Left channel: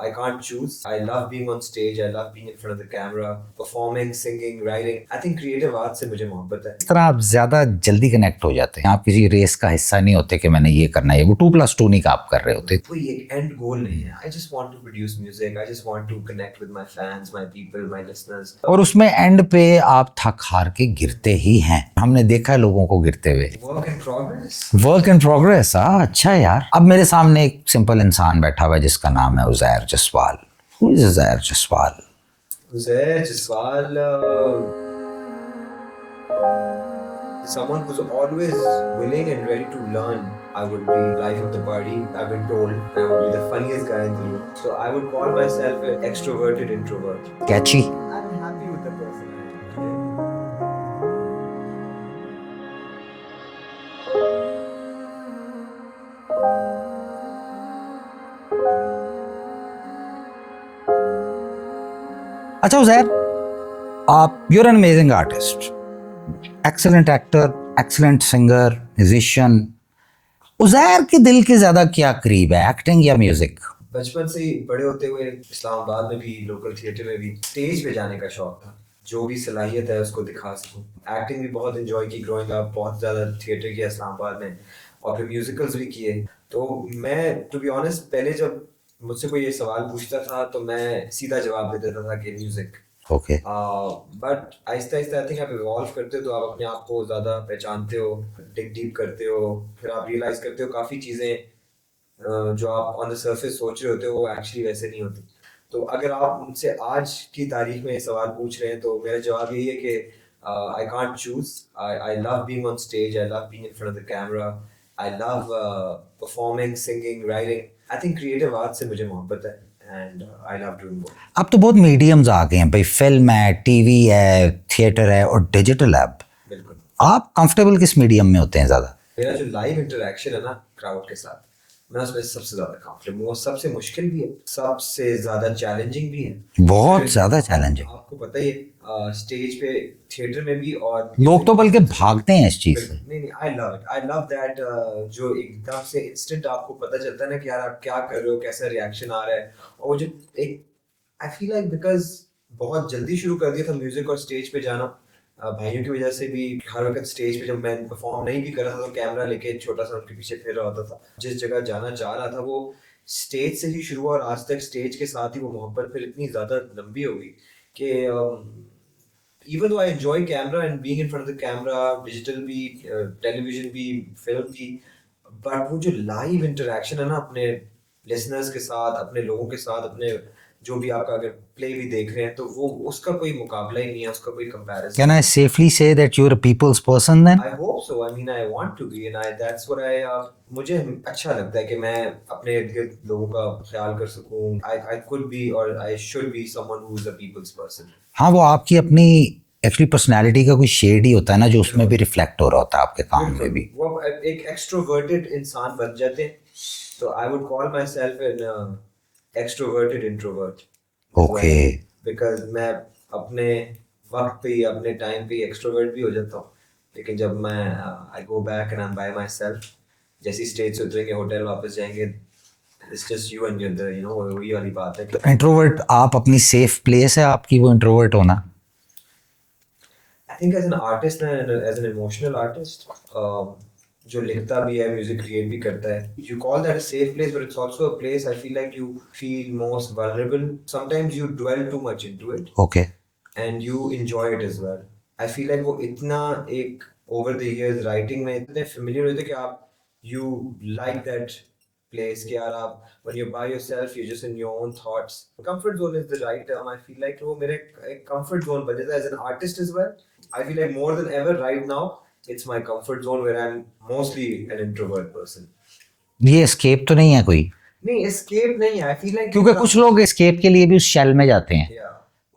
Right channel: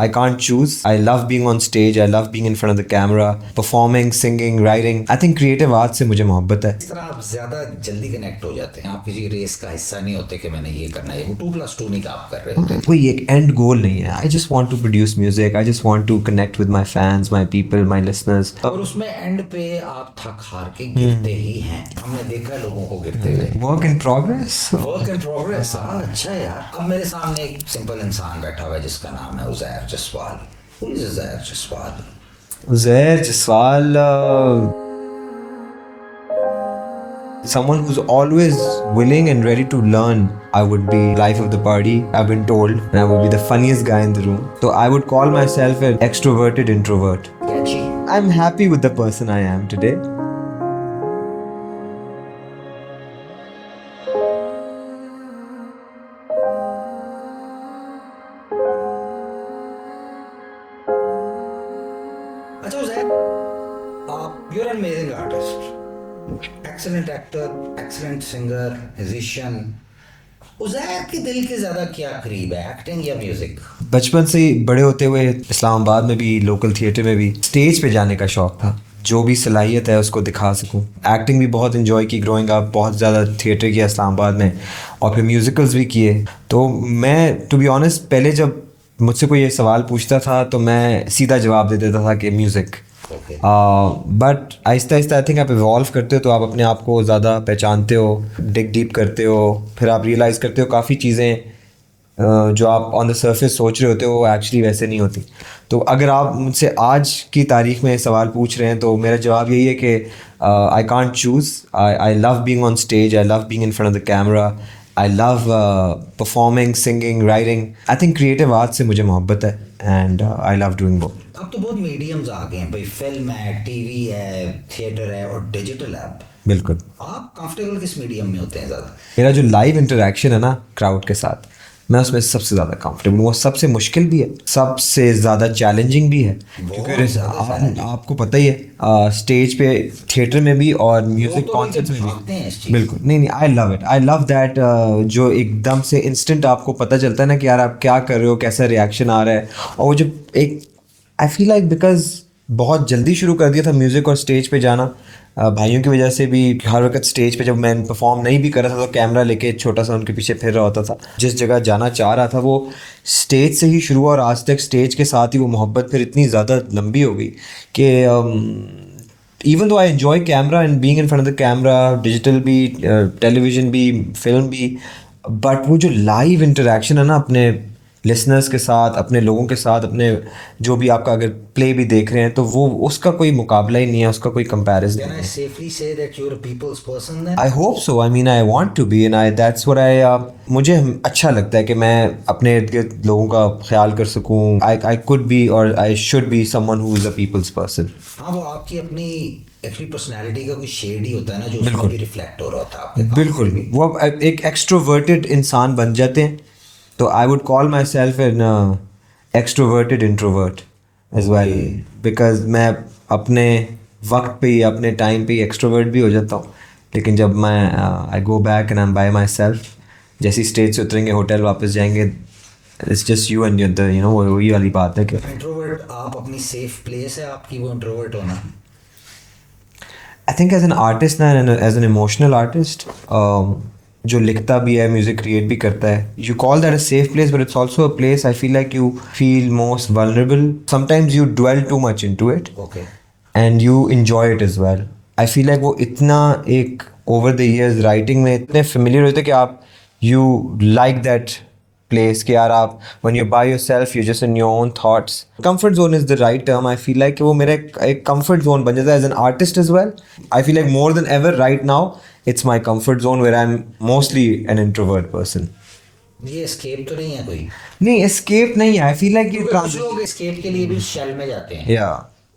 I can't choose. I love being on stage. I love being in front of the camera, performing, singing, writing. I think creative art से मुझे मोहब्बत है. इस तरह आप ज़्यादा जल्दी कनेक्ट हो जाते हैं, आप किसी रेस का हिस्सा नहीं होते कि मैंने ये करना है, वो 2+2 नहीं का आप कर रहे होते. कोई एक एंड गोल नहीं है. I just want to produce music. I just want to connect with my fans, my people, my listeners. और उसमें एंड पे आप थक हार के गिरते ही हैं. हमने देखा है लोगों को गिरते हुए. Work in progress. Work in progress. अच्छा यार. अब मेरे सामने एक सिंपल इंसान बैठा हुआ है जिसका नाम है Uzair Jaswal. Who is Uzair Jaswal? Uzair Jaswal, someone who's always willing and ready to learn. I would be life of the party, I've been told, and I would be the funniest guy in the room. So I would call myself an extroverted introvert. Catchy. I'm happy with the person I am today. अच्छा उज़ैर, आप you're an amazing artist, excellent actor, excellent singer, musician. Uzair के दिल के ज़्यादा क्या करीब है, acting या म्यूज़िक? बचपन से ही बड़े होते हुए इस्लामाबाद में भी, लोकल थिएटर में भी स्टेज पे जाने का शौक था. जो भी सलाहियत है उसको दिखा सकूं. एक्टिंग भी बहुत इन्जॉय की ग्रोइंग अप, बहुत ज़्यादा थिएटर किया इस्लामाबाद में और फिर म्यूज़िकल्स भी किए. तो मैं टू बी ऑनेस्ट पहले जब मुझसे कोई ये सवाल पूछता था तो मैं सीधा जवाब दे देता था कि music. Okay. But Aahista Aahista I think आप इवॉल्व करते हो तो आप अपने आप को ज़्यादा पहचानते हो, डिग डीप करते हो, फिर आप रियलाइज़ करते हो काफ़ी चीज़ें जो आप ऑन द सरफेस सोच रहे होते हो वो एक्चुअली वैसे नहीं होती. तो अगर आप मुझसे आज की तारीख में सवाल पूछ रहे हैं तो मेरा जवाब यही है कि I can't choose. I love being on stage, I love being in front of the camera, I love performing, singing, writing. I think creative art से मुझे मोहब्बत है and I love doing both. अब तो बहुत मीडियम्स आ गए हैं भाई, फिल्म है, टीवी है, थिएटर है और डिजिटल ऐप. बिल्कुल. आप कंफर्टेबल किस मीडियम में होते हैं ज़्यादा? मेरा जो लाइव इंटरेक्शन है ना क्राउड के साथ, मैं उसमें सबसे ज़्यादा कंफर्टेबल हूँ. वो सबसे मुश्किल भी है, सबसे ज़्यादा चैलेंजिंग भी है. बहुत ज़्यादा चैलेंजिंग. आपको पता ही है स्टेज पे, थिएटर में भी और लोग तो बल्कि भागते हैं इस चीज़. बिल्कुल. नहीं, I love it. I love that जो एकदम से इंस्टेंट आपको पता चलता है ना कि यार आप क्या कर रहे हो, कैसा रिएक्शन आ रहा है. और वो जो एक आई फील लाइक बिकॉज बहुत जल्दी शुरू कर दिया था म्यूज़िक और स्टेज पे जाना भाइयों की वजह से भी. हर वक्त स्टेज पे जब मैं परफॉर्म नहीं भी कर रहा था तो कैमरा लेके छोटा सा उनके पीछे फिर रहा होता था. जिस जगह जाना चाह रहा था वो स्टेज से ही शुरू हुआ और आज तक स्टेज के साथ ही वो मोहब्बत फिर इतनी ज़्यादा लंबी हो गई कि even though I enjoy camera and being in front of the camera, digital भी, टेलीविज़न भी, फिल्म भी, बट वो जो लाइव इंटरेक्शन है ना अपने लिसनर्स के साथ, अपने लोगों के साथ, अपने जो भी आपका अगर प्ले भी देख रहे हैं तो वो उसका कोई मुकाबला ही नहीं है, उसका कोई comparison. Can I safely say that you're a people's person then? I hope so. I mean, I want to be and that's what मुझे अच्छा लगता है कि मैं अपने इर्द गिर्द लोगों का ख्याल कर सकूं. I could be or I should be someone who is a people's person. हाँ, वो आपकी अपनी एक्चुअली पर्सनैलिटी का कोई शेड ही होता है ना जो उसमें भी रिफ्लेक्ट हो रहा होता है आपके काम. बिल्कुल भी. वो एक एक्सट्रोवर्टेड इंसान बन जाते हैं. तो I would call myself an extroverted introvert as well. Because मैं अपने वक्त पे ही, अपने टाइम पे ही एक्सट्रोवर्ट भी हो जाता हूँ. लेकिन जब मैं I go back and I'm by myself, जैसे स्टेज से उतरेंगे, होटल वापस जाएंगे, it's just you and you know वही वाली बात है कि इंट्रोवर्ट आप अपनी सेफ प्लेस है आपकी वो इंट्रोवर्ट होना. I think as an artist ना, as an emotional artist, जो लिखता भी है, म्यूजिक क्रिएट भी करता है, you call that a safe place but it's also a place I feel like you feel most vulnerable. Sometimes you dwell too much into it. Okay. And you enjoy it as well. I feel like वो इतना एक over the years writing में इतने familiar होते कि आप you like that place कि यार आप when you're by yourself you're just in your own thoughts. Comfort zone is the right term. I feel like वो मेरा एक comfort zone बन जाता है as an artist as well. I feel like more than ever right now it's my comfort zone where I'm mostly an introvert person. ये escape तो नहीं है कोई? नहीं, एस्केप नहीं है. आई फील लाइक क्योंकि कुछ लोग एस्केप के लिए भी उस शेल में जाते हैं.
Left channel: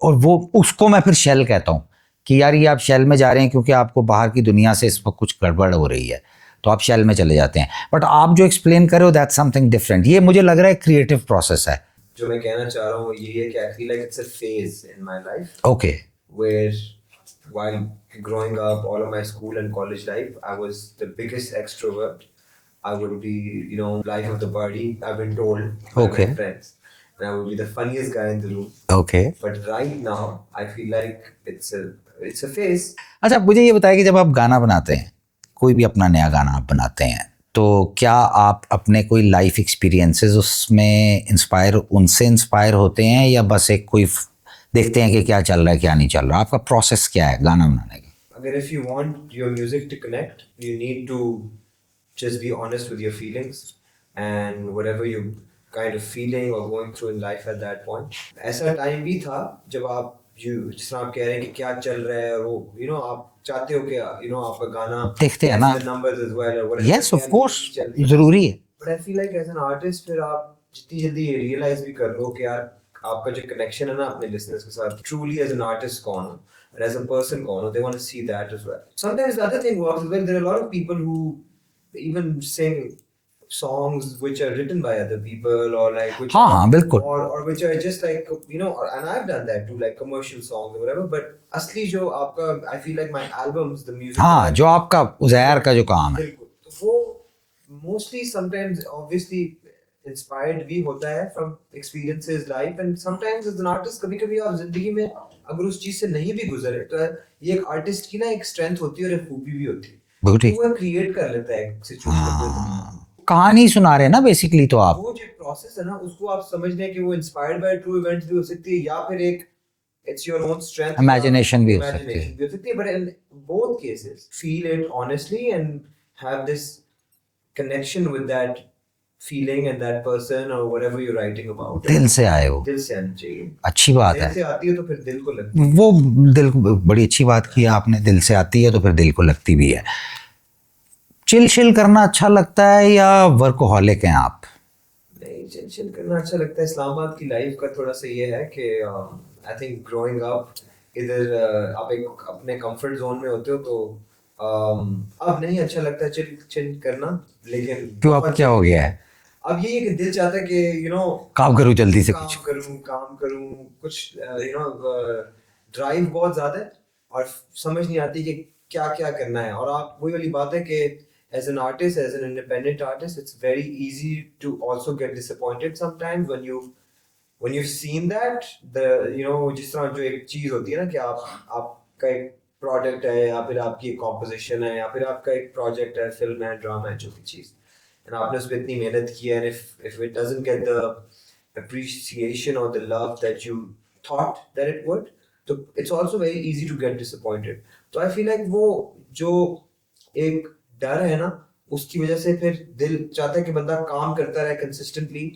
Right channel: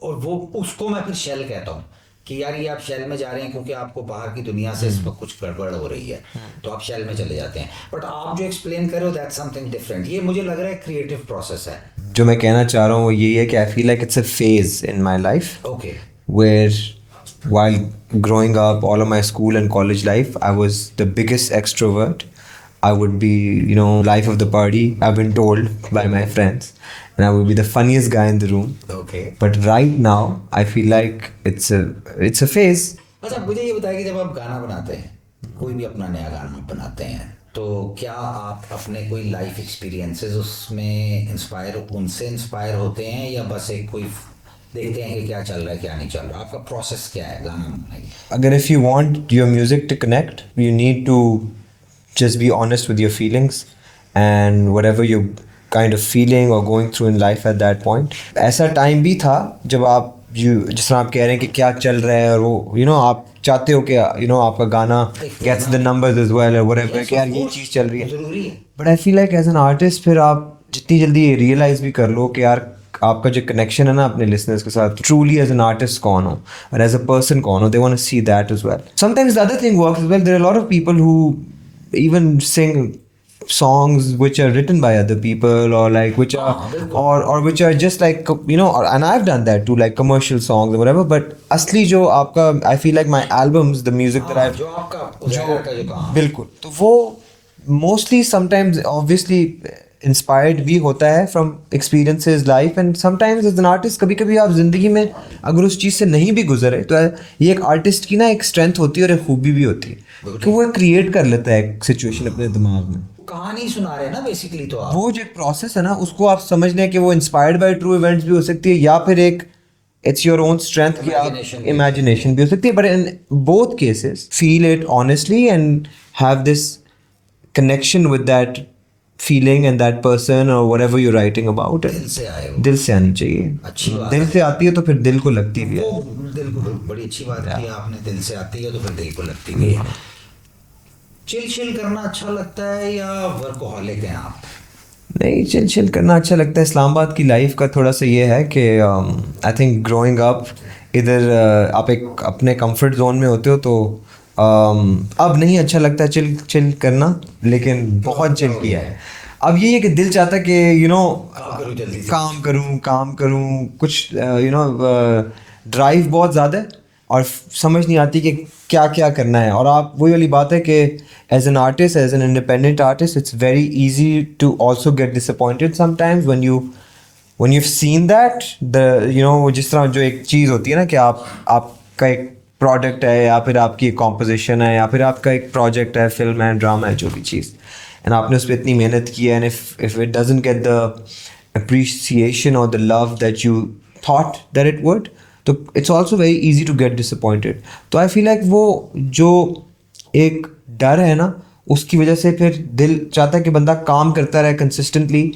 और वो उसको मैं फिर शेल कहता हूँ कि यार ये आप शेल में जा रहे हैं क्योंकि आपको बाहर की दुनिया से इस वक्त कुछ गड़बड़ हो रही है तो आप शेल में चले जाते हैं. बट आप जो एक्सप्लेन कर रहे हो दैट्स समथिंग डिफरेंट. ये मुझे लग रहा है क्रिएटिव प्रोसेस है. जो मैं कहना चाह रहा हूँ वो यही है कि आई feel like it's a phase in my life. Okay. Where while growing up, all of my school and college life, I was the biggest extrovert. I would be, life of the party, I've been told by my friends. and I would be the funniest guy in the room. Okay But right now, I feel like it's a phase. अच्छा मुझे ये बताया कि जब आप गाना बनाते हैं, कोई भी अपना नया गाना आप बनाते हैं, तो क्या आप अपने कोई लाइफ एक्सपीरियंसेस उसमें उनसे इंस्पायर होते हैं, या बस एक कोई देखते हैं कि क्या चल रहा है क्या नहीं चल रहा? आपका प्रोसेस क्या है गाना बनाने की? Agar if you want your music to connect, you need to just be honest with your feelings and whatever you're kind of feeling or going through in life at that point. ऐसा time भी था जब आप जिस तरह आप कह रहे हैं कि क्या चल रहा है, और वो आप चाहते हो कि आपका गाना देखते हैं gets the numbers as well or whatever. Yes, क्या of ये course. चीज़ चल रही है. ज़रूरी है. But I feel like as an artist फिर आप जितनी जल्दी रियलाइज भी कर लो कि यार आपका जो कनेक्शन है ना अपने लिसनर्स के साथ, ट्रूली एज एन आर्टिस्ट कौन हो और एज अ पर्सन कौन हो, they want to see that as well. Sometimes the other thing works as well. There are a lot of people who even sing songs which are written by other people, or like which or which are just like and I've done that too, like commercial songs or whatever. But असली जो आपका, I feel like my albums, the music जो आपका उज़ैर का जो काम बिल्कुल, तो वो mostly sometimes obviously inspired भी होता है from experiences life, and sometimes as an artist कभी कभी आप जिंदगी में अगर उस चीज़ से नहीं भी गुजरे तो ये एक आर्टिस्ट की ना एक स्ट्रेंथ होती है और एक खूबी भी होती है, तो वो क्रिएट कर लेता है एक सिचुएशन अपने दिमाग में. कहानी सुना रहे हैं ना बेसिकली, तो आप वो जो एक प्रोसेस है ना उसको आप समझ लें कि वो इंस्पायर्ड बाय ट्रू इवेंट्स भी हो सकती है, या फिर एक it's your own strength, imagination भी हो सकती है. But in both cases feel it honestly and have this connection with that feeling and that person और व्हाटएवर यू राइटिंग अबाउट. दिल से आए हो, दिल से आनी चाहिए. अच्छी बात दिल है. से आती है तो फिर दिल को लगती है. वो दिल को, बड़ी अच्छी बात की आपने, दिल से आती है तो फिर दिल को लगती भी है. चिल करना अच्छा लगता है या वर्कोहॉलिक हैं आप? नहीं, चिल करना अच्छा लगता है. इस्लामाबाद की लाइफ का थोड़ा सा ये है कि आई थिंक ग्रोइंग अप इधर आप एक अपने कंफर्ट जोन में होते हो, तो अब नहीं अच्छा लगता है चिल करना, लेकिन बहुत हो गया है. अब ये है कि दिल चाहता है कि काम करूँ जल्दी से, काम करूँ कुछ, ड्राइव बहुत ज़्यादा है और समझ नहीं आती कि क्या क्या करना है. और आप वही वाली बात है कि as an artist, as an independent artist, it's very easy to also get disappointed sometimes when you've seen that जिस तरह जो एक चीज़ होती है ना कि आपका एक प्रोडक्ट है, या फिर आपकी एक कॉम्पोजिशन है, या फिर आपका एक प्रोजेक्ट है, फिल्म है, ड्रामा है, जो भी चीज़, एंड आपने उस पर इतनी मेहनत की है, and if it doesn't get the appreciation और the love that you thought that it would, तो it's also very easy to get disappointed. तो आई फील लाइक वो जो एक डर है ना, उसकी वजह से फिर दिल चाहता है कि बंदा काम करता रहे कंसिस्टेंटली,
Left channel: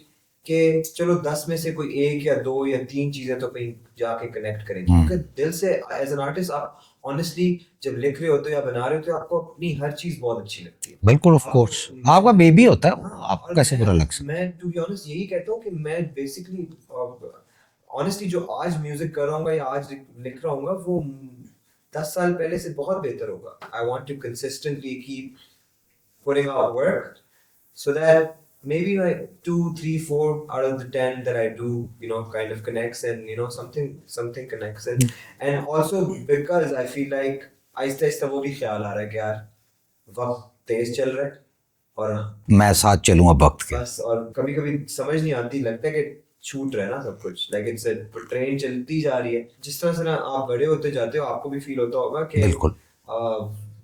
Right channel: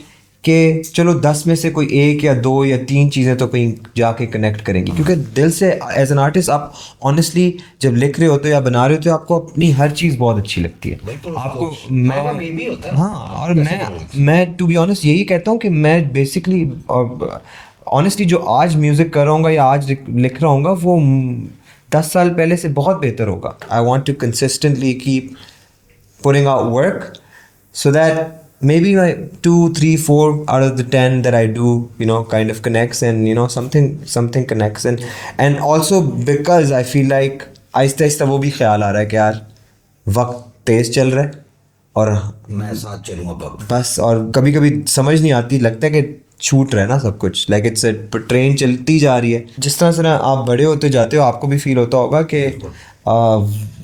कि चलो 10 में से कोई 1 या 2 या 3 चीज़ें तो कहीं जाके कनेक्ट करेंगी. क्योंकि दिल से एज एन आर्टिस्ट आप ऑनेस्टली जब लिख रहे होते हो या बना रहे होते हो, आपको अपनी हर चीज़ बहुत अच्छी लगती है. बिल्कुल, ऑफ कोर्स आपका बेबी होता है. हाँ, और मैं टू बी ऑनेस्ट यही कहता हूँ कि मैं बेसिकली ऑनेस्टली जो आज म्यूज़िक कर रहा हूँ या आज लिख रहा हूँ वो 10 साल पहले से बहुत बेहतर होगा. I want to consistently keep putting out work so that maybe like 2, 3, 4 out of the 10 that I do kind of connects, and something connects, and also because I feel like Aahista Aahista वो भी ख्याल आ रहा है कि यार वक्त तेज चल रहा है और मैं साथ चलूँगा वक्त बस. और कभी कभी समझ नहीं आती, लगता है कि छूट रहा है ना सब कुछ, लाइक इट्स ट्रेन चलती जा रही है. जिस तरह से ना आप बड़े होते जाते हो, आपको भी फील होता होगा कि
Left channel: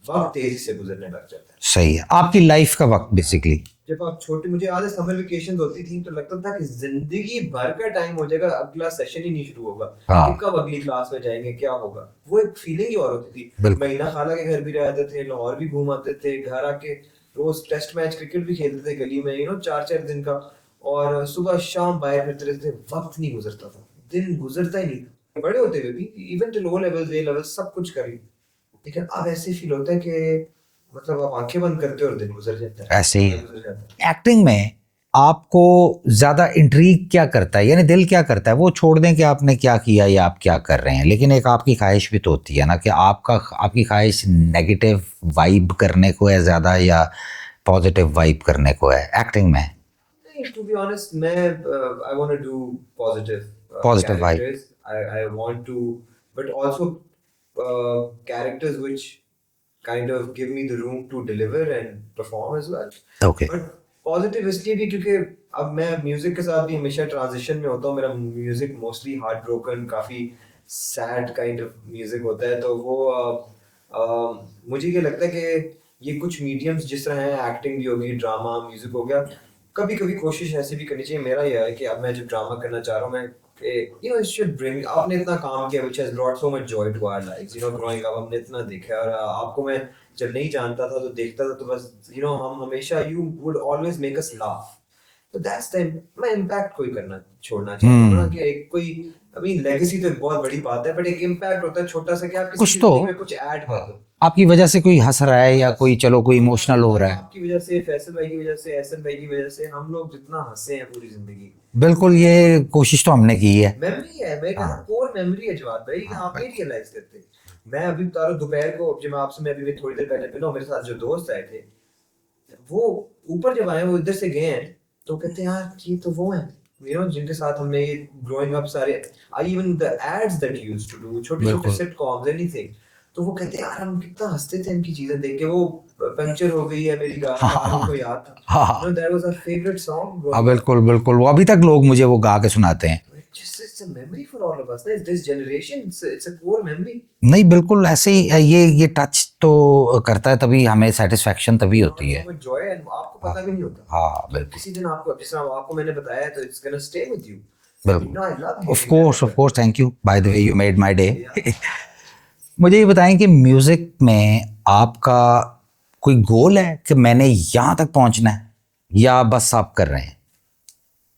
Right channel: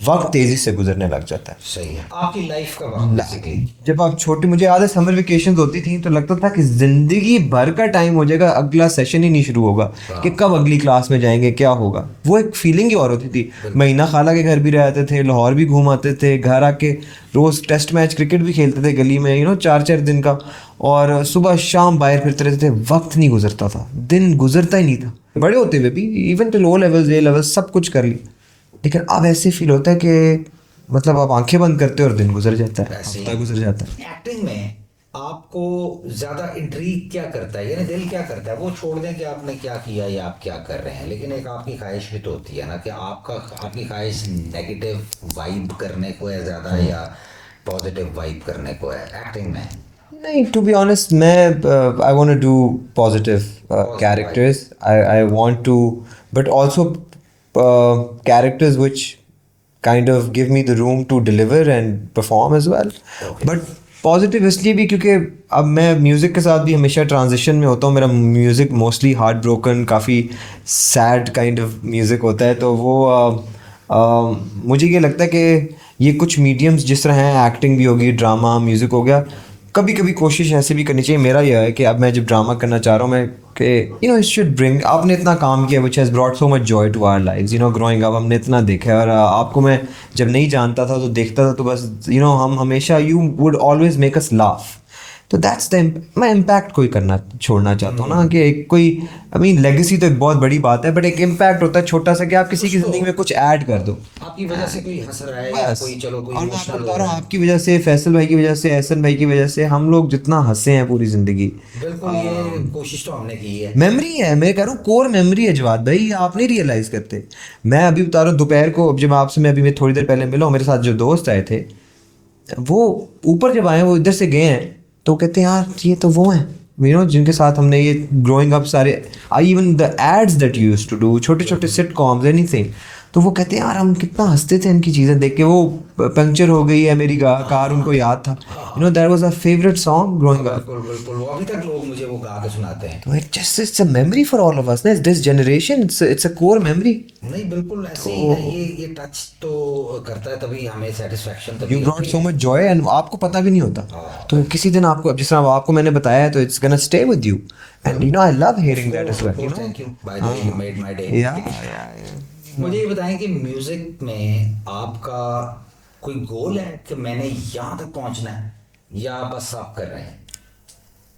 वक्त तेजी से गुजरने लग जाता है. सही है. आपकी लाइफ का वक्त बेसिकली, जब आप छोटे, मुझे याद है समर वेकेशंस होती थी तो लगता था कि जिंदगी भर का टाइम हो जाएगा, अगला सेशन ही नहीं शुरू होगा कि कब अगली क्लास में जाएंगे, क्या होगा. वो एक फीलिंग ही और होती थी. महीना खाला के घर भी रहते थे, लाहौर भी घूम आते थे, घर आके रोज टेस्ट मैच क्रिकेट भी खेलते थे गली में 4-4 दिन का, और सुबह शाम बाहर फिरते रहते थे. वक्त नहीं गुजरता था, दिन गुजरता ही नहीं था. बड़े होते हुए भी even till O levels A levels सब कुछ कर ली, लेकिन अब ऐसे फील होता है कि मतलब आप आंखें बंद करते हो और दिन गुजर जाता है, ऐसे ही गुजर जाता है. एक्टिंग में आपको ज़्यादा इंट्रीग क्या करता है, यानी दिल क्या करता है? वो छोड़ दें कि आपने क्या किया या आप क्या कर रहे हैं, लेकिन एक आपकी ख्वाहिश भी तो होती है ना कि आपकी ख्वाहिश नेगेटिव वाइब करने को है ज़्यादा या पॉजिटिव वाइब करने को है एक्टिंग में? नहीं, टू बी ऑनेस्ट मैं I want to do positive characters. I want to, but also characters which kind of give me the room to deliver and perform as well. Okay. But positive इसलिए भी क्योंकि अब मैं music के साथ भी हमेशा ट्रांजिशन में होता हूँ। मेरा म्यूज़िक मोस्टली हार्ट ब्रोकन, काफ़ी सैड काइंड ऑफ म्यूज़िक होता है। तो वो मुझे ये लगता है कि ये कुछ मीडियम्स जिस तरह हैं, एक्टिंग भी होगी, ड्रामा, म्यूज़िक हो गया, कभी कभी कोशिश ऐसे भी करनी चाहिए। मेरा यह है कि अब मैं जब ड्रामा करना चाह रहा हूँ मैं कि you know it should bring, आपने इतना काम किया which has brought so much joy to our lives, you know growing up हमने इतना देखा है। और आपको मैं जब नहीं जानता था तो देखता था तो बस यू नो हम हमेशा you would always make us laugh. तो दैट्स द मैं इम्पैक्ट कोई करना छोड़ना चाहता हूँ ना, कि एक कोई आई मीन लेगेसी तो एक बहुत बड़ी बात है, बट एक इम्पैक्ट होता है छोटा सा कि आप किसी की जिंदगी में कुछ ऐड कर दो। आपकी वजह से कोई हंस रहा है या कोई चलो कोई इमोशनल हो रहा है, आपकी वजह से, फैसल भाई की वजह से, एहसन भाई की वजह से हम लोग जितना हंसे हैं पूरी जिंदगी, बिल्कुल ये कोशिश तो हमने की है। मेमोरी है, मैं कह रहा हूँ कोर मेमोरी है जवाद भाई, आप नहीं रियलाइज करते। मैं अभी बता रहा हूँ दोपहर को, अब जब आपसे मैं अभी थोड़ी देर पहले मिला हूँ, मेरे साथ जो दोस्त आए थे वो ऊपर जब आए, वो इधर से गए हैं तो कहते हैं यार ये तो वो हैं यू नो जिनके साथ हमने ये ग्रोइंग अप सारे, I even the ads that you used to do, छोटे छोटे सिटकॉम्स एनीथिंग, तो वो कहते हैं यार हम कितना हंसते थे इनकी चीज़ें देख के। वो पंक्चर हो गई है मेरी कार, उनको याद था, you know that was our favourite song growing up. बिल्कुल बिल्कुल, वो अभी तक लोग मुझे वो गा के सुनाते हैं। तो it's a memory for all of us ना, this generation, it's a core memory. नहीं बिल्कुल ऐसे ही है, ये टच तो करता है तभी हमें सेटिस्फेक्शन तभी होती सो है। मच जॉय एंड आपको पता भी नहीं होता। हाँ, तो किसी दिन आपको, जिस तरह आपको मैंने बताया है, तो it's gonna stay with you and you know I love hearing of course thank you, by the way you made my day. That. मुझे ये बताएं कि म्यूजिक में आपका कोई गोल है कि मैंने यहाँ तक पहुँचना है, या बस आप कर रहे हैं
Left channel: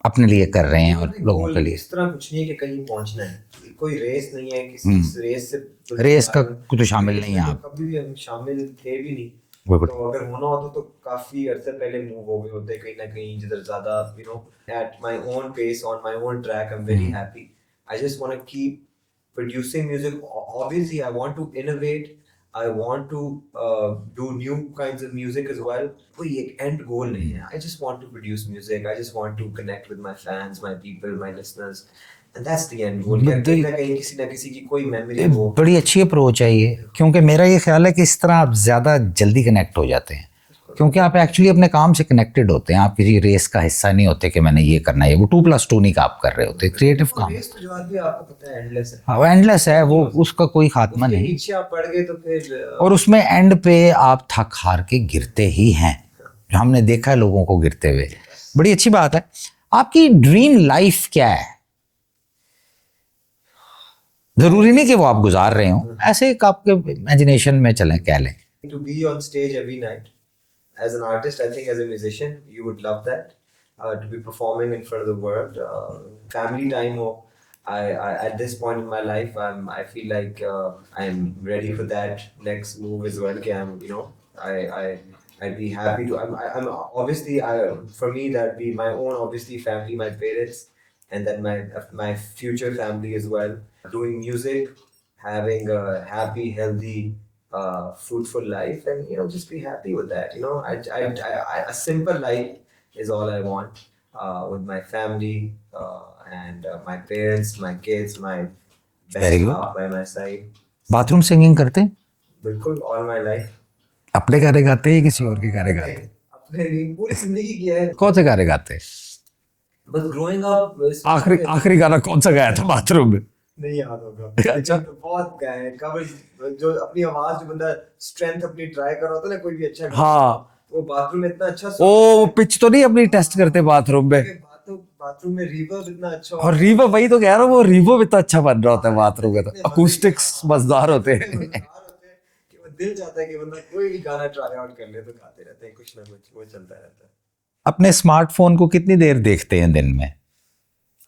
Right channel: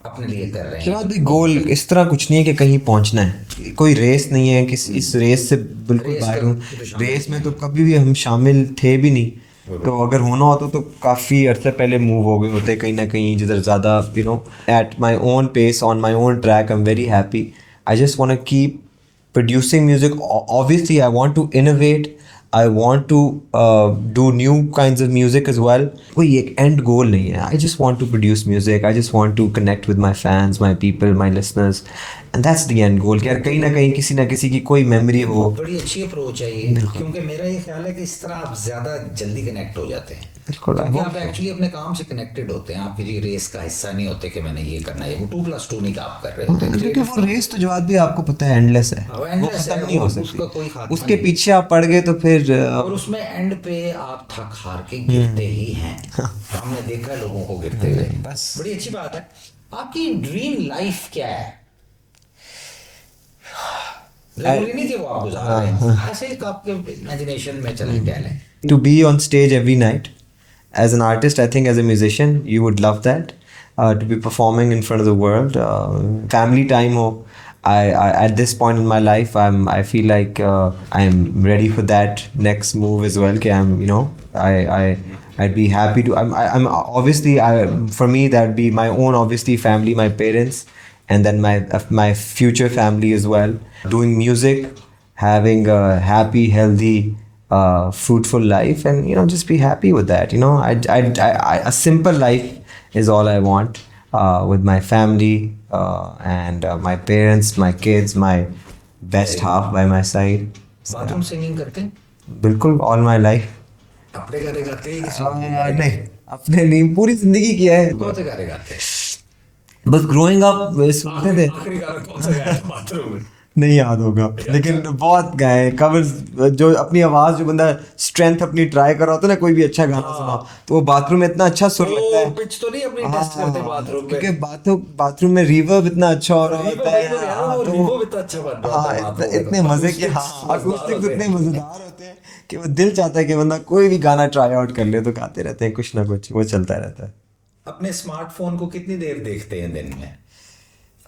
अपने लिए कर रहे हैं? गोल इस तरह कुछ नहीं है कि कहीं पहुंचना है, कोई रेस नहीं है किसी इस रेस से, रेस का तो शामिल रेस नहीं में है तो कभी भी हम शामिल थे भी नहीं। तो अगर होना होता तो काफ़ी अर्से पहले मूव हो गए होते कहीं ना कहीं, जिधर ज़्यादा you know at my own pace on my own track. I am very happy, I just want to keep producing music. Obviously I want to innovate, I want to do new kinds of music as well. कोई एक end goal नहीं है, I just want to produce music, I just want to connect with my fans, my people, my listeners, and that's the end goal। कि कहीं ना कहीं किसी ना किसी की कोई मेमोरी हो। बड़ी अच्छी अप्रोच है ये, क्योंकि मेरा ये ख्याल है कि इस तरह आप ज़्यादा जल्दी कनेक्ट हो जाते हैं, क्योंकि आप एक्चुअली अपने काम से कनेक्टेड होते हैं, आप किसी रेस का हिस्सा नहीं होते कि मैंने ये करना है, वो 2+2 नहीं का आप कर रहे होते हैं। क्रिएटिव काम रेस तो जवाब भी आपको पता है एंडलेस है, वो एंडलेस है, वो उसका कोई खात्मा उसके नहीं। पीछे आप पड़ गए तो फिर और उसमें एंड पे आप थक हार के गिरते ही हैं, हमने देखा है लोगों को गिरते हुए। बड़ी अच्छी बात है। आपकी ड्रीम लाइफ क्या है? जरूरी नहीं कि वो आप गुजार रहे हो, ऐसे एक आपके इमेजिनेशन में चलें कह लें। to be on stage every night as an artist. I think as a musician you would love that, to be performing in front of the world. Family time ho, I at this point in my life I feel like I'm ready for that next move as well, कि I'm you know I'd be happy to, I'm obviously for me that would be my own obviously family, my parents, and then my future family as well, doing music, having a happy, healthy, fruitful life, and you know just be happy with that. You know, a simple life is all I want, with my family, and my parents, my kids, my best half by my side. Bathroom singing करते हैं? बिल्कुल, all my life. अपने गाने गाते हैं किसी और के गाने गाते हैं? अपने नहीं, पूरी जिंदगी किया है। कौन से गाने गाते हैं? बस ग्रोइंग अप आखिरी गाना कौन सा गाया था बाथरूम में? नहीं याद होगा, लेकिन बहुत गाए कवर्स, जो अपनी आवाज, जो बंदा स्ट्रेंथ अपनी ट्राई कर रहा होता है ना, कोई भी अच्छा गाना, तो वो बाथरूम में इतना अच्छा सुर ओ पिच तो नहीं अपनी टेस्ट करते बाथरूम में? क्योंकि बाथरूम में रिवर्ब इतना अच्छा, और रिवर्ब, वही तो कह रहा हूँ, वो रिवर्ब इतना अच्छा बन रहा होता है बाथरूम में, इतने अकॉस्टिक्स मजेदार होते हैं, मजेदार होते हैं कि वो दिल चाहता है कि बंदा कोई भी गाना ट्राई आउट कर ले, तो गाते रहते हैं कुछ ना कुछ, वो चलता रहता है। अपने स्मार्टफोन को कितनी देर देखते हैं दिन में?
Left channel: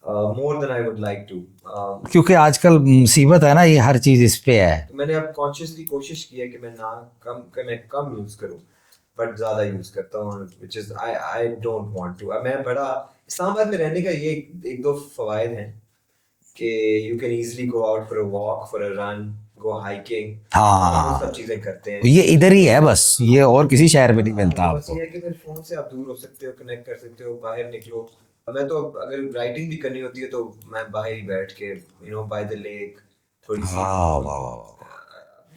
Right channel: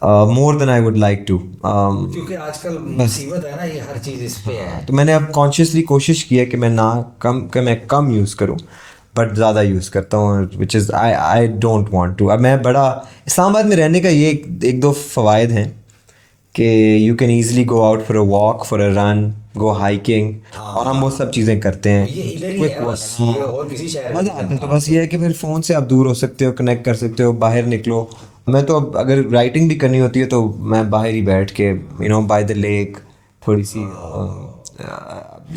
More than I would like to, क्योंकि आजकल मुसीबत है ना, ये हर चीज़ इस पे है। तो मैंने अब कॉन्शियसली कोशिश की है कि मैं कम यूज़ करूं, बट ज़्यादा यूज़ करता हूँ, which is I don't want to. अब मैं बड़ा इस्लामाबाद में रहने का ये एक दो फ़वाइद हैं कि you can easily go out for a walk, for a run, go hiking, और हम वो सब चीज़ें करते हैं। ये इधर ही है बस, ये और किसी शहर में नहीं बनता। बस ये है कि फिर फ़ोन से आप दूर हो सकते हो, कनेक्ट कर सकते हो, बाहर निकलो। मैं तो अब अगर राइटिंग भी करनी होती है तो मैं बाहर ही बैठ के, you know, by the lake, थोड़ी सी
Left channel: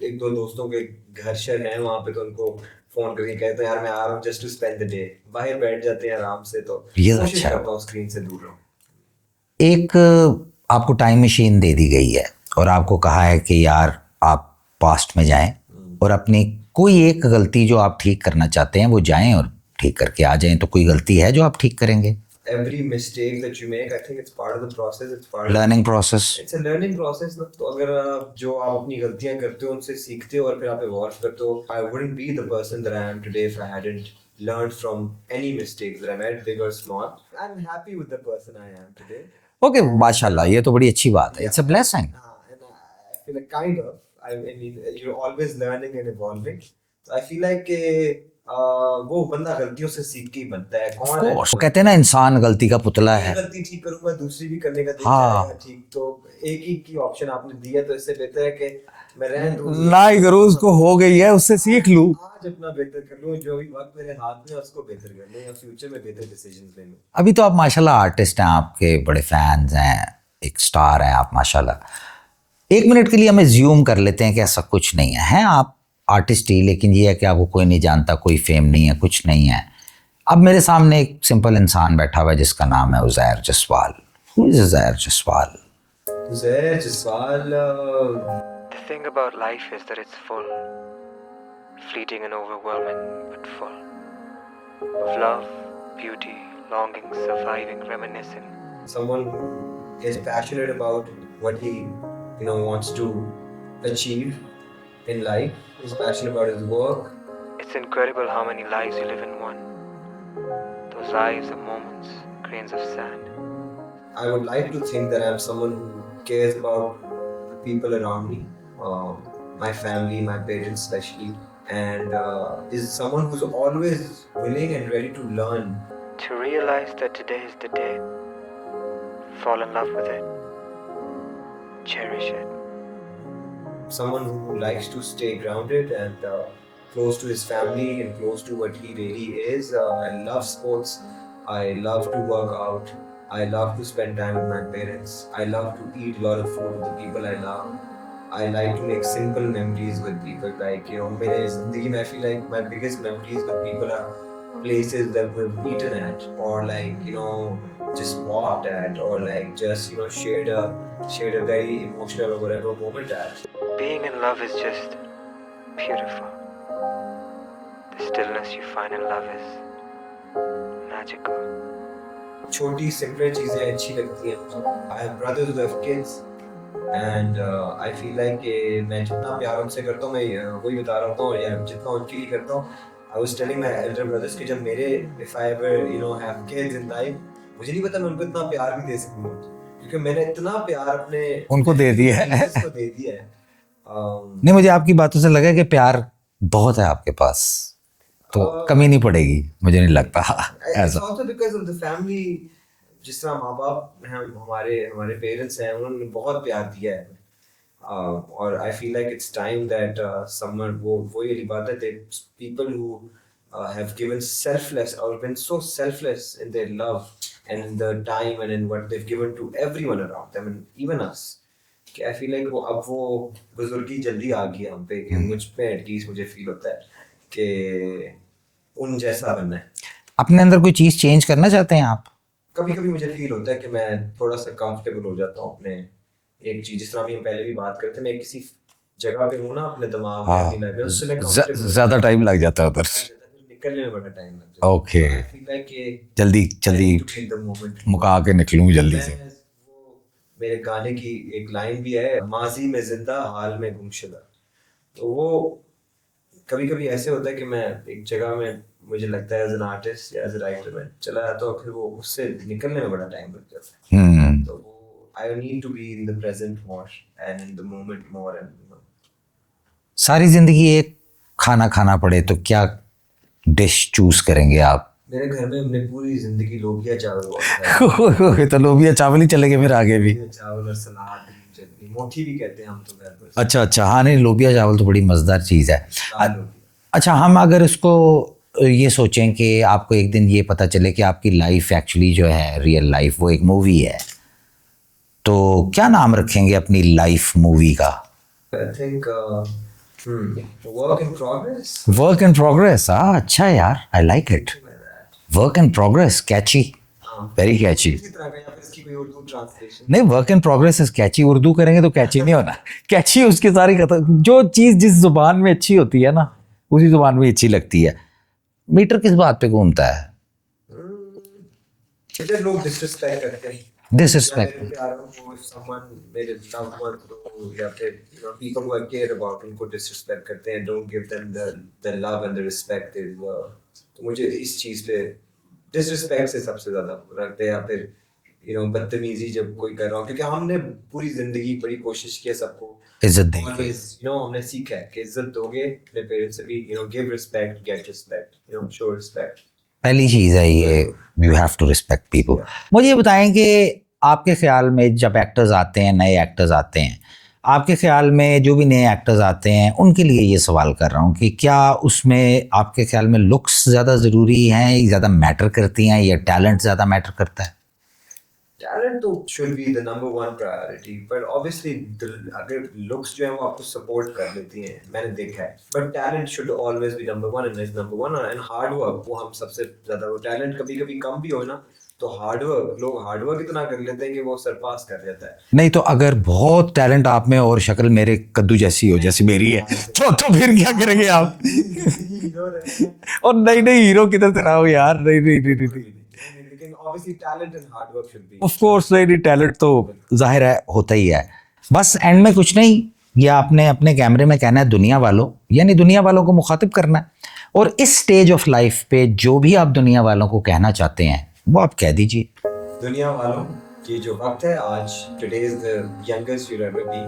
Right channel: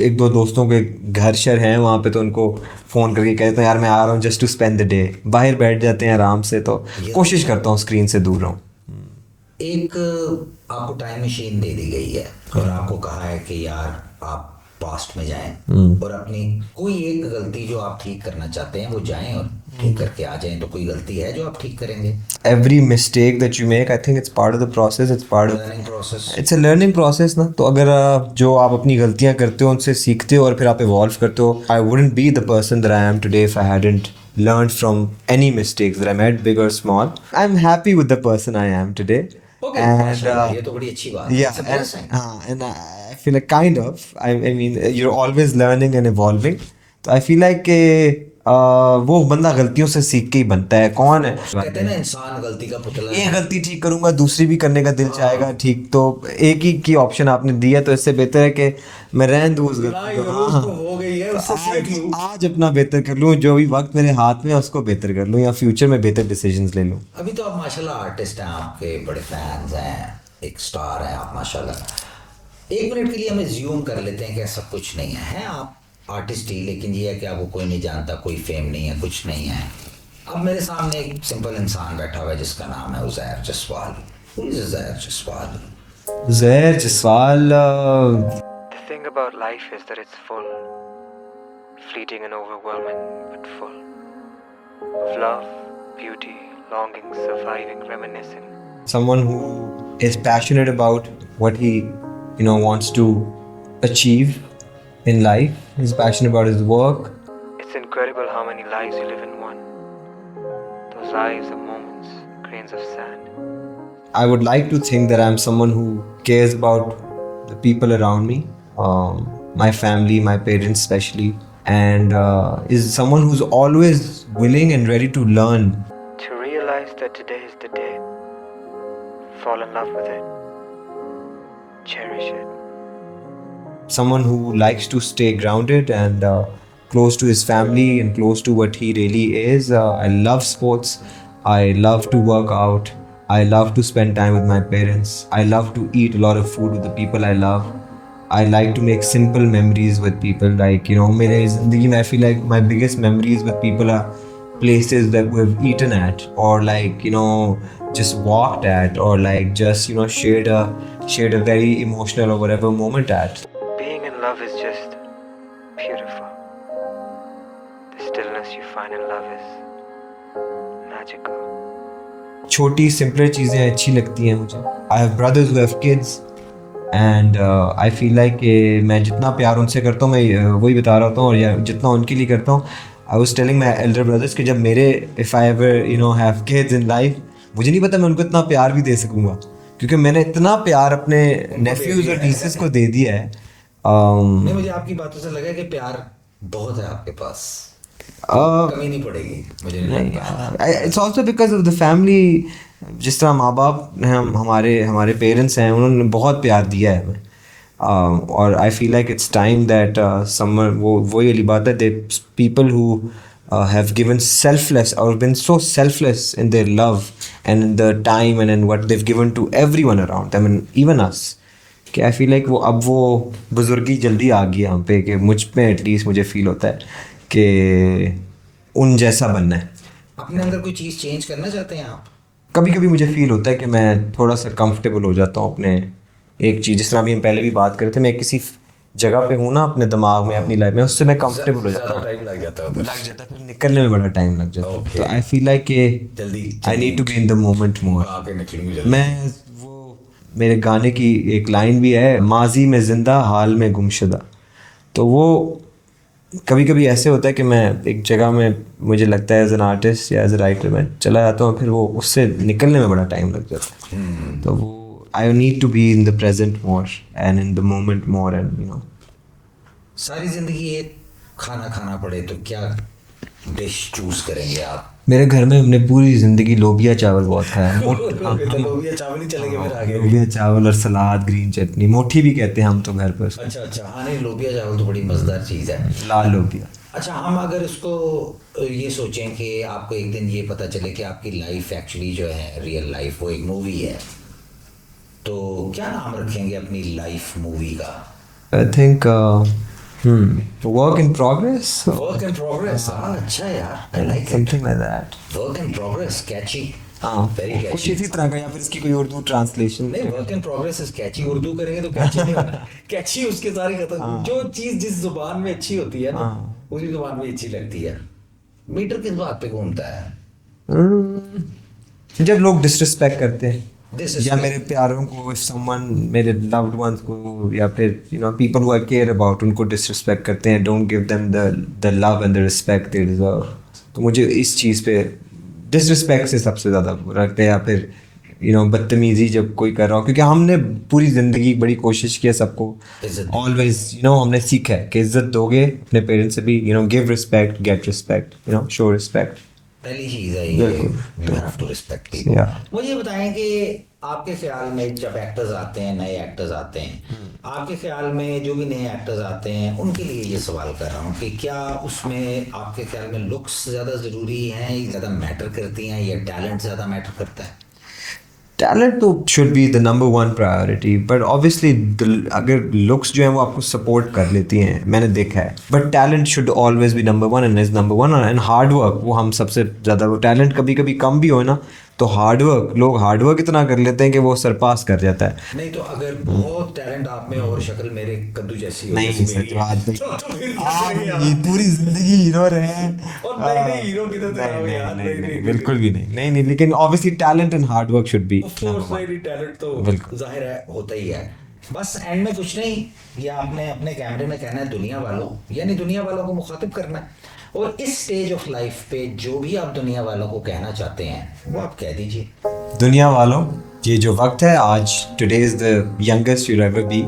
एक दो दोस्तों के घर शर हैं वहाँ पे, तो उनको फ़ोन करके कहते हैं यार मैं आ रहा हूँ just to spend the day, बाहर बैठ जाते हैं आराम से। तो ये कोशिश अच्छा। करता हूँ स्क्रीन से दूर रहूँ। एक आपको टाइम मशीन दे दी गई है और आपको कहा है कि यार आप पास्ट में जाएं और अपनी कोई एक गलती जो आप ठीक करना चाहते हैं वो जाएं और ठीक करके आ जाएं, तो कोई गलती है जो आप ठीक करेंगे? Every mistake that you make, I think it's part of the process, it's part of learning process. It's a learning process ना। तो अगर जो आप अपनी गलतियां करते हो उनसे सीखते हो और फिर आप इवॉल्व करते हो, I wouldn't be the person that I am today if I hadn't learned from any mistakes that I made, big or small. I'm happy with the person I am today. Okay, And, माशाल्लाह, ये तो बड़ी अच्छी बात है। yeah, it's a blessing. and I feel like kind of, I mean, you're always learning and evolving. तो I feel like वो बंदा गलतियों से सीख के ही बनता है। कौन है कहते हैं ना, इंसान गलती का पुतला ये है। गलती ठीक करूंगा दूसरी भी करने का दिल हाँ। चाहेगा, ठीक। तो एक ही की ऑप्शन आपने दिया, तो इससे बेहतर है कि मैं रहन दूं ना ही करो, उसको हो गई है, उससे सीख लूं। आज अपना बेहतर कर लूं, जो भी वक्त मेरे हाथ में है उसको बेहतर कर लूं, या फ्यूचर में बेहतर डिसीजंस ले लूं। अभी तो आप माशाल्लाह आर्टिस्ट हैं, आपके बड़े फैंस हैं, एक स्टार हैं आप माशाल्लाह। एक मिनट के लिए हम एज्यूम कर लेते हैं कि ऐसा कुछ नहीं है, हैं आप आर्टिस्ट ही, लेकिन ये है कि आपको कोई नहीं जानता, कोई फेम नहीं है, कुछ नहीं है। अब मेरे सामने एक सिंपल इंसान बैठा हुआ है जिसका नाम है Uzair Jaswal. Who is Uzair Jaswal? Zair Jaswal The thing about life is that it's full, fleeting and overwhelming, but full of love, beauty, longing, surviving, reminiscing. someone who is passionate about what he wants to achieve in life. He's passionate about his work. It's incredible how many lives you live in one. Those lives are moments, grains of sand. I would like to think that I'm someone who cares about the people around me, my family, my parents especially, and is someone who's always willing and ready to learn. To realize that today is the day, fall in love with it, cherish it. Someone who likes to stay grounded and close to his family and close to what he really is. I love sports. I love to work out. I love to spend time with my parents. I love to eat a lot of food with the people I love. I like to make simple memories with people. Like, मेरे ज़िंदगी में I feel like my biggest memories with people are places that we've eaten at, or like, just walked at, or like just, shared a very emotional or whatever moment at. Being in love is just beautiful. The stillness you find in love is magical. छोटी simple चीज़ें अच्छी लगती हैं मुझे। I have brothers who have kids and I feel like मैं जितना प्यार उनसे करता हूँ, मैं वही बता रहा हूँ, और या जितना उनके लिए करता हूँ। I was telling my Elder brothers कि जब मेरे if I ever have kids in life, मुझे नहीं पता मैं उनको इतना प्यार भी दे सकूँगा, क्योंकि मैंने इतना प्यार अपने उनको दे दिया है। nieces को दे दिया है। नहीं, मुझे आपकी बातों से लगा कि प्यार बहुत है आपके पास, तो कमी नहीं पड़ेगी, मुझे नहीं लगता। It's also because of the family. जिस तरह माँ बाप हैं, हमारे पेरेंट्स हैं, उन्होंने बहुत प्यार दिया है हमें। और आई feel like it's time that summer वही वाली बात है, they people who have given selfless or been so selfless in their love and in the time and in what they've given to everyone around them and even us, कि आई feel like वो बुजुर्गी जल्दी आ गई हम पे, कि मुझ पे at least मुझे फील होता है कि उन जैसा बनना है। अपने अंदर कोई चीज़ चेंज करना चाहते हैं आप? कभी कभी मुझे फील होता है कि मैं थोड़ा सा कंफर्टेबल हो जाता हूँ अपने एक चीज़, जिस तरह अभी हम पहले भी बात करते थे, मैं किसी जगह पे हूँ ना अपने दिमाग में, अपनी लाइफ में, उससे मैं कंफर्टेबल ज़्यादा टाइम लग जाता है उधर, फिर निकलने में बड़ा टाइम लग जाता है। Okay. तो आई फील लाइक कि जल्दी I need to be in the moment. मुका के निकलूँ जल्दी। मैं वो मेरे गाने की एक लाइन भी है, माजी में जिंदा हाल में गुमशुदा। तो वो कभी कभी ऐसे होता है कि मैं एक जगह में, मुझे लगता है एज एन आर्टिस्ट या एज ए राइटर मैं चला जाता हूँ, फिर वो उससे निकलने में बड़ा टाइम लग जाता है। तो वो I need to be in the present more and in the moment more and सारी ज़िंदगी एक खाना खाना पड़े तो क्या डिश चूज़ करेंगे आप? मेरे घर में हमने पूरी ज़िंदगी लोबिया चावल बहुत खाया। तो लोबिया चावल ही चलेंगे फिर आगे भी। लोबिया चावल और सलाद, ग्रीन चटनी, मोठी भी कहते हैं हम तो घर पर। अच्छा अच्छा, हाँ नहीं, लोबिया चावल तो बड़ी मज़ेदार चीज़ है, लाल लोबिया। अच्छा, हम अगर इसको ये सोचें कि आपको एक दिन ये पता चले कि आपकी लाइफ एक्चुअली जो है रियल लाइफ वो एक मूवी है, तो क्या नाम रखेंगे अपनी लाइफ मूवी का? I think work in progress, work in progress. अच्छा यार, I like it. Something like that. Work in progress, catchy, very catchy. इसी तरह का, या फिर इसकी कोई उर्दू ट्रांसलेशन। नहीं, work in progress is catchy. Urdu करेंगे तो कैची नहीं होना। कैची उसकी सारी खत्म, जो चीज जिस जुबान में अच्छी होती है ना, उसी जुबान में अच्छी लगती है। मीटर किस बात पे घूमता है? जब लोग डिसरिस्पेक्ट करते हैं, या Disrespect. मेरे प्यारों को, if someone, मेरे loved ones को, या फिर people who I care about, उनको डिसरिस्पेक्ट करते हैं, don't give them the love and the respect they deserve. तो मुझे इस चीज़ पे डिसरिस्पेक्ट से सबसे ज़्यादा बुरा लगता है, या फिर बदतमीजी जब कोई कर रहा हो, क्योंकि हमने पूरी ज़िंदगी बड़ी कोशिश की है सबको इज्जत दी। ऑलवेज हमने सीखा है कि इज्जत दोगे अपने पेरेंट्स से भी, give respect, get respect, show respect. पहली चीज़ है ये, you have to respect people. Yeah. मुझे ये बताएं कि आपके ख्याल में जब एक्टर्स आते हैं, नए एक्टर्स आते हैं, आपके ख्याल में जो भी नए एक्टर्स आते हैं उनके लिए ये सवाल कर रहा हूँ कि क्या उसमें आपके ख्याल में लुक्स ज़्यादा ज़रूरी हैं, ज़्यादा मैटर करती हैं, या टैलेंट ज़्यादा मैटर करता है? टैलेंट तो should be the number one priority, but obviously अगर लुक्स जो है वो आपको सपोर्ट कर लेती हैं, मैंने देखा है, but talent should always be number one and is number one. And hard work, वो हम सबसे ज़्यादा, वो टैलेंट कभी कभी कम भी हो ना, तो हार्ड वर्क, लोग हार्ड वर्क इतना कर लेते हैं कि वो सरपास कर जाता है। नहीं तो अगर बहुत टैलेंट आप में और शक्ल मेरे कद्दू जैसी हो, जैसी मेरी है, तो फिर क्या करेंगे आप? पूरी जिंदगी हीरो रहे हैं और नई नई हीरो किधर से आओ यार? नहीं नहीं बिल्कुल भी नहीं, लेकिन obviously talent and hard work should be. Of course, नहीं टैलेंट तो जाहिर है होता ही है। बस एंड में कुछ नहीं, ये आपने अपने कैमरे में कहना है दुनिया वालों, यानी दुनिया वालों को मुखातिब करना है, और इस स्टेज ऑफ लाइफ पे जो भी आप दुनिया वालों को कहना चाहते हैं वो आप कह दीजिए। दुनिया वालों, ये जो वक्त है आज, today is the youngest you ever be,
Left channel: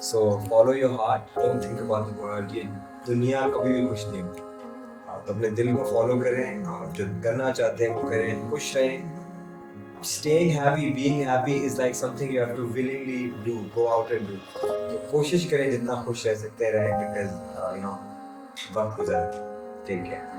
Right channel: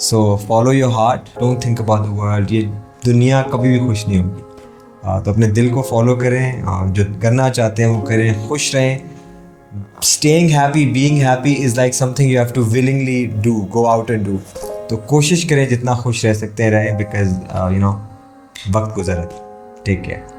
so follow your heart, don't think about the world. ये दुनिया कभी भी खुश नहीं होगी, तो अपने दिल को फॉलो करें, जो करना चाहते हैं वो करें, खुश रहें। Staying happy, being happy is like something you have to willingly do, go out and do. तो कोशिश करें जितना खुश रह सकते हैं रहें, बिकॉज वक्त गुजर। Take care.